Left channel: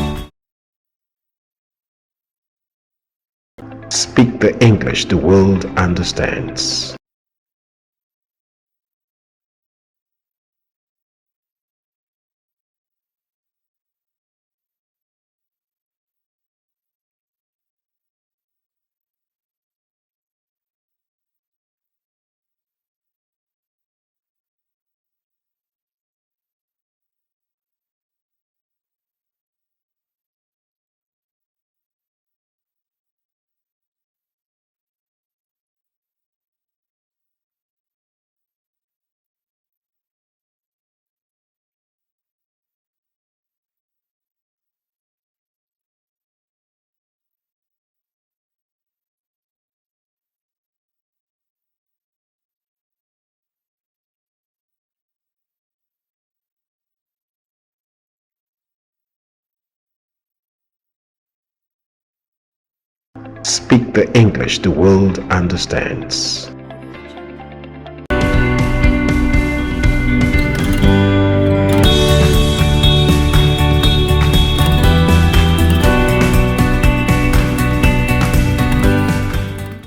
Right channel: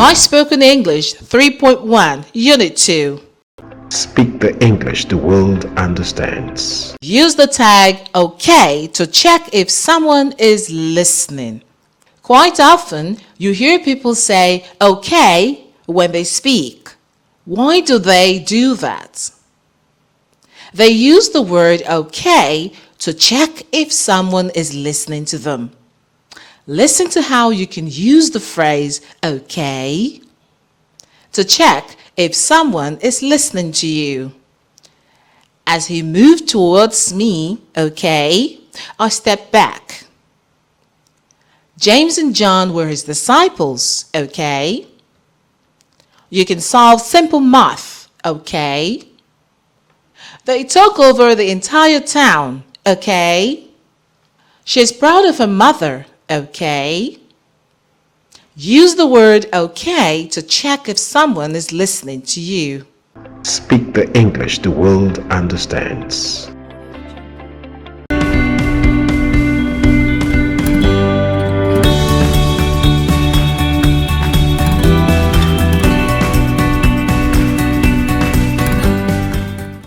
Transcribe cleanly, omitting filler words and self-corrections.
My Spoken English 3.1 Unit 2. Speak the English the world understands. Use the tag OK to check if someone is listening. Quite often, you hear people say OK when they speak. Why do they do that? They use the word OK to check if someone is listening to them. Listen to how you can use the phrase OK to check if someone is listening to you. As he moved towards me, OK, I stepped back. James and John were his disciples, OK. You can solve simple math, OK. They took over the entire town, OK. She's proud of her mother, OK. Use the word OK to check if someone is listening to you. Speak the English the world understands.